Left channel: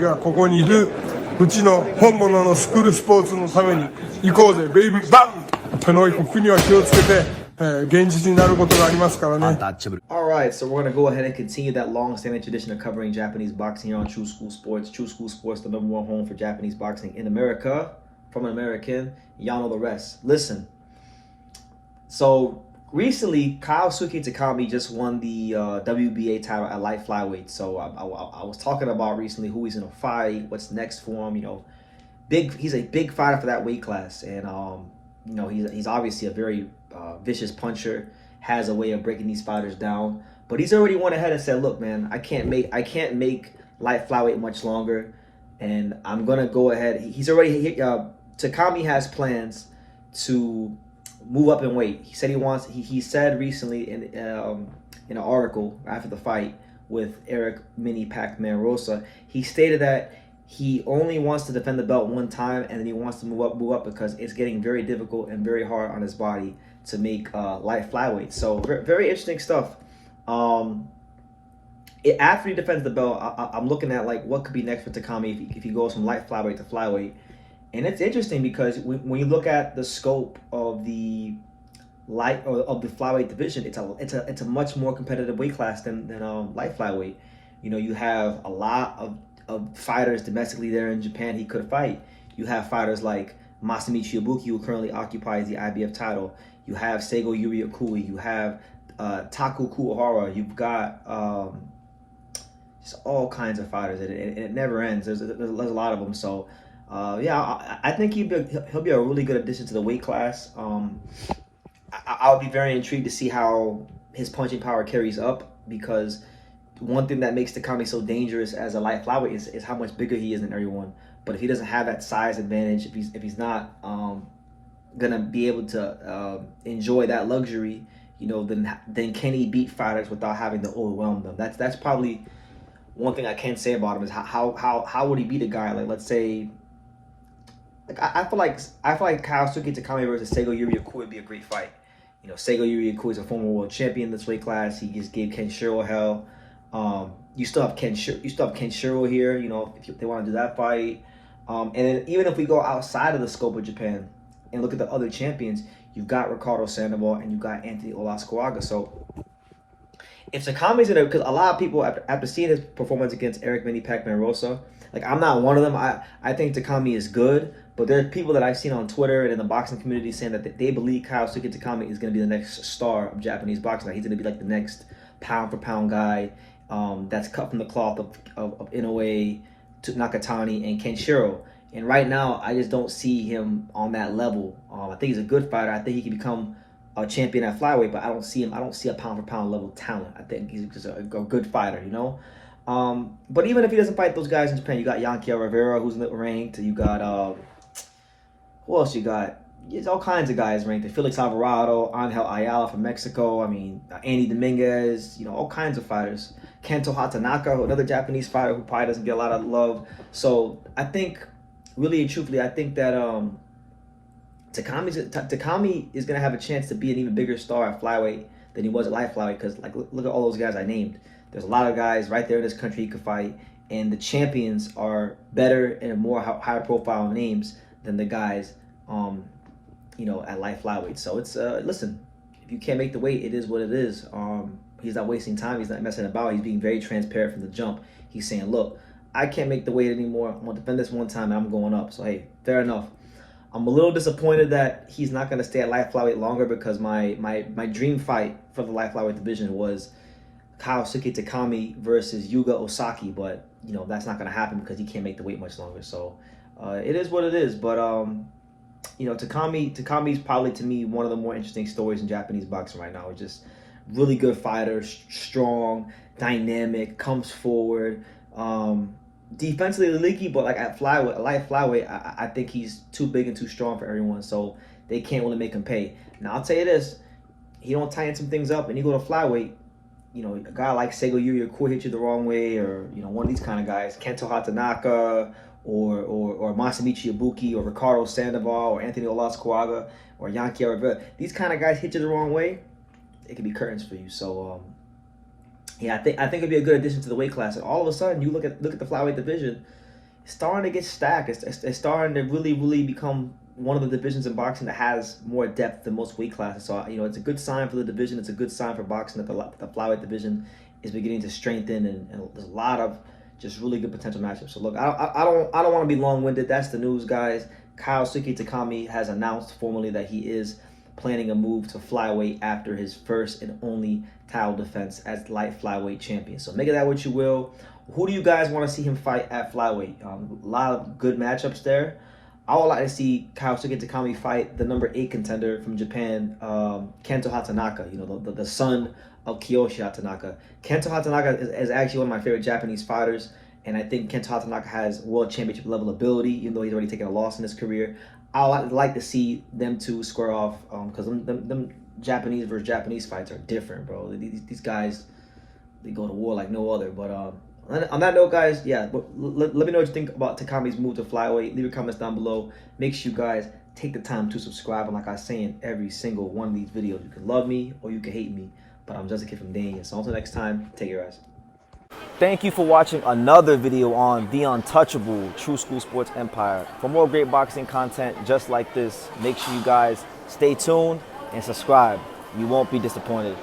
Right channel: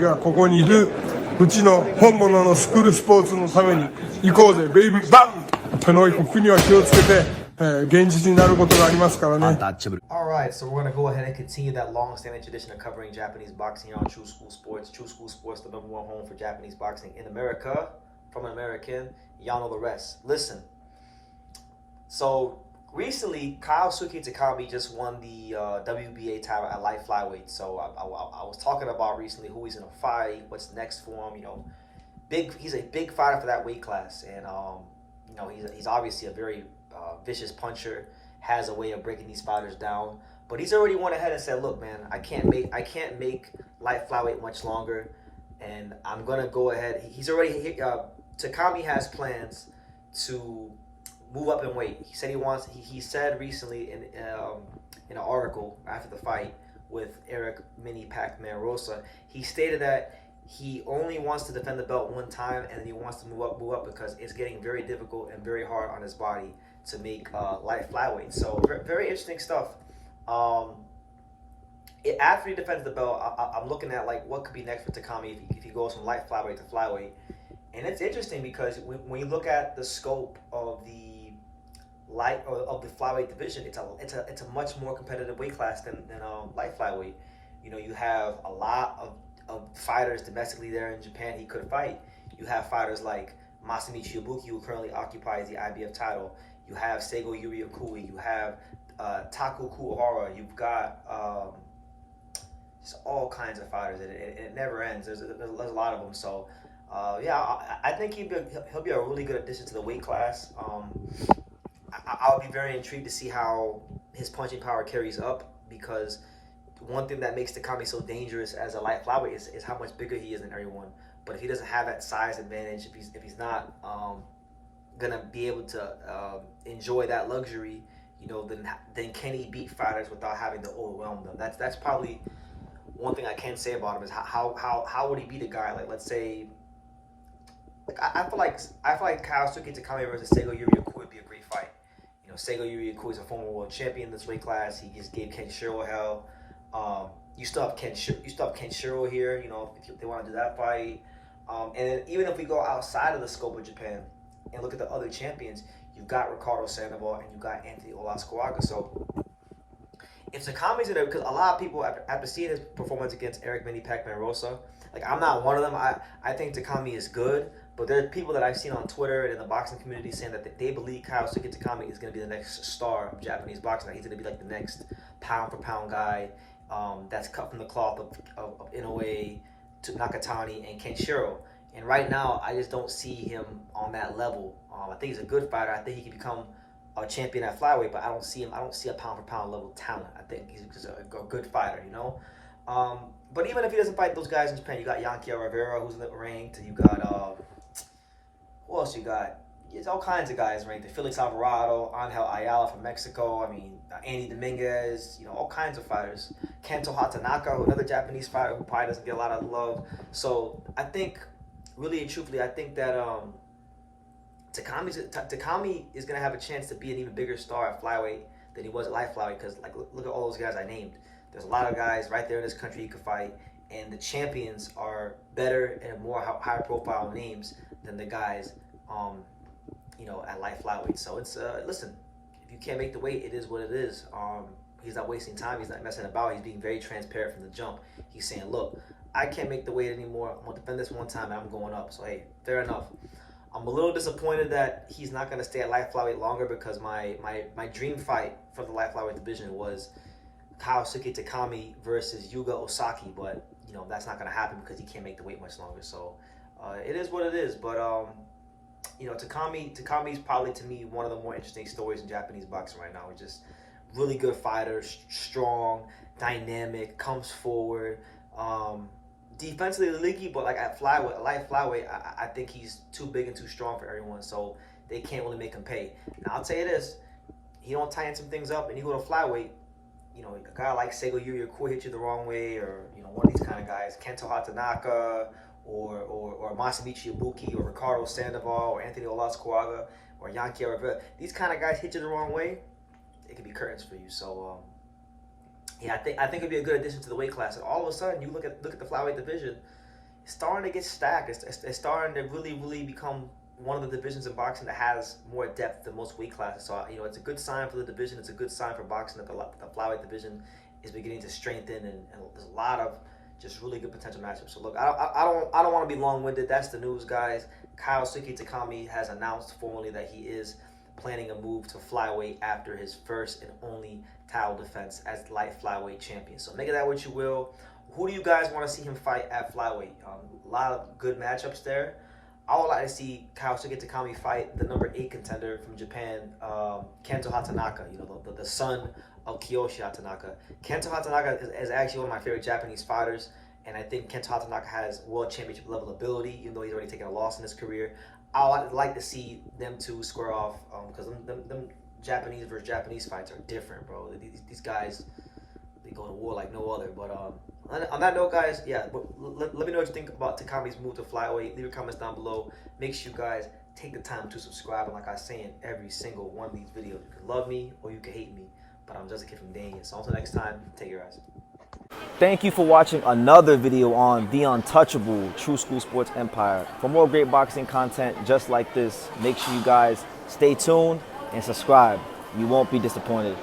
がここにいるうちの本物のスクールスポーツのために行こうぜベイビーバンこの国は気をつけて、現実になることがありますからね。Alright, so we're going to go ahead and continue that long-standing tradition of covering Japanese boxing here on True School Sports. True School Sports, the number one home for Japanese boxing in America. From an American, y'all know the rest. Listen, so recently, Kyosuke Takami just won the WBA title at light flyweight. So I was talking about recently who he's gonna fight, what's next for him. You know, he's a big fighter for that weight class, and you know he's obviously a very vicious puncher, has a way of breaking these fighters down. But he's already went ahead and said, "Look, man, I can't make light flyweight much longer, and I'm gonna go ahead." He's already Takami has plans to move up in weight. He said he wants. He said recently in an article after the fight with Eric Mini Pac-Man Rosa, he stated that he only wants to defend the belt one time, and then he wants to move up because it's getting very difficult and very hard on his body to make light flyweight. So very interesting stuff. After he defends the belt, I'm looking at like what could be next for Takami if he goes from light flyweight to flyweight. And it's interesting because when you look at the scope of the flyweight division, it's a much more competitive weight class than light flyweight. You know, you have a lot of fighters domestically there in Japan he could fight. You have fighters like Masamichi Ibuki, who currently occupies the IBF title. You have Seigo Yuri Okui. You have Taku Kuwahara. You've got just all kinds of fighters. It never ends. There's a lot of them. So. Yeah, I think he'll be a really good addition to the weight class. I'll be very intrigued to see how his punching power carries up, because one thing that makes Takami so dangerous as a light flyweight is how much bigger he is than everyone. But if he doesn't have that size advantage, if he's not gonna be able to enjoy that luxury, you know, then can he beat fighters without having to overwhelm them? That's probably one thing I can say about him is how would he beat a guy like, let's say. Like I feel like Kyosuke Takami versus Seigo Yuri Okui would be a great fight. You know, Seigo Yuri Okui is a former world champion in this weight class. He just gave Kenshiro hell. You still have Kenshiro here. You know, if they want to do that fight. And then even if we go outside of the scope of Japan and look at the other champions, you've got Ricardo Sandoval and you've got Anthony Olascoaga. So if Takami's in it, because a lot of people after seeing his performance against Eric Mini Pac-Man Rosa, like I'm not one of them. I think Takami is good. But there are people that I've seen on Twitter and in the boxing community saying that they believe Kyosuke Takami is going to be the next star of Japanese boxing. Like he's going to be like the next pound-for-pound guy that's cut from the cloth of Inoue, Nakatani, and Kenshiro. And right now, I just don't see him on that level. I think he's a good fighter. I think he can become a champion at flyweight, but I don't see a pound-for-pound level talent. I think he's just a good fighter, you know? But even if he doesn't fight those guys in Japan, you got Yankiel Rivera, who's ranked. You got... who else you got? There's all kinds of guys ranked. Felix Alvarado, Angel Ayala from Mexico. I mean, Andy Dominguez. You know, all kinds of fighters. Kento Hatanaka, another Japanese fighter who probably doesn't get a lot of love. So I think, really and truthfully, I think that Takami is gonna have a chance to be an even bigger star at flyweight than he was at light flyweight. Because like, look at all those guys I named. There's a lot of guys right there in this country he could fight, and the champions are better and more higher profile names than the guys, you know, at light flyweight. So it's listen, if you can't make the weight, it is what it is. He's not wasting time. He's not messing about. He's being very transparent from the jump. He's saying, look, I can't make the weight anymore. I'm gonna defend this one time and I'm going up. So hey, fair enough. I'm a little disappointed that he's not gonna stay at light flyweight longer, because my dream fight for the light flyweight division was Kyosuke Takami versus Yuga Osaki, but you know that's not gonna happen because he can't make the weight much longer. So it is what it is. But you know, Takami's probably, to me, one of the more interesting stories in Japanese boxing right now. It's just really good fighter, strong, dynamic, comes forward, defensively leaky, but like at light flyweight, I think he's too big and too strong for everyone, so they can't really make him pay. Now I'll tell you this, he don't tighten some things up and you go to flyweight, you know, a guy like Seigo Yuri Okui hit you the wrong way, or you know, one of these kind of guys, Kento Hatanaka, or Masamichi Ibuki, or Ricardo Sandoval, or Anthony Olascoaga, or Yankiel Rivera. These kind of guys hit you the wrong way, it can be curtains for you. So yeah, I think it'd be a good addition to the weight class. And all of a sudden, you look at the flyweight division. starting to get stacked. It's starting to really become one of the divisions in boxing that has more depth than most weight classes. So it's a good sign for the division. It's a good sign for boxing that the flyweight division is beginning to strengthen, and there's a lot of just really good potential matchups. So look, I don't want to be long-winded. That's the news, guys. Kyosuke Takami has announced formally that he is planning a move to flyweight after his first and only title defense as light flyweight champion. So make of that what you will. Who do you guys want to see him fight at flyweight? A lot of good matchups there. I would like to see Kyosuke Takami fight the number 8 contender from Japan, Kento Hatanaka. The son of Kiyoshi Hatanaka. Kento Hatanaka is actually one of my favorite Japanese fighters, and I think Kento Hatanaka has world championship level ability, even though he's already taken a loss in his career. I would like to see them two square off, because them Japanese versus Japanese fights are different, bro. These guys, they go to war like no other. But on that note, guys, yeah, let me know what you think about Takami's move to flyweight. Leave your comments down below. Make sure you guys take the time to subscribe. And like I say in every single one of these videos, you can love me or you can hate me, but I'm just a kid from Dane. So until next time, take care, guys. Thank you for watching another video on the untouchable True School Sports Empire. For more great boxing content just like this, make sure you guys stay tuned and subscribe. You won't be disappointed.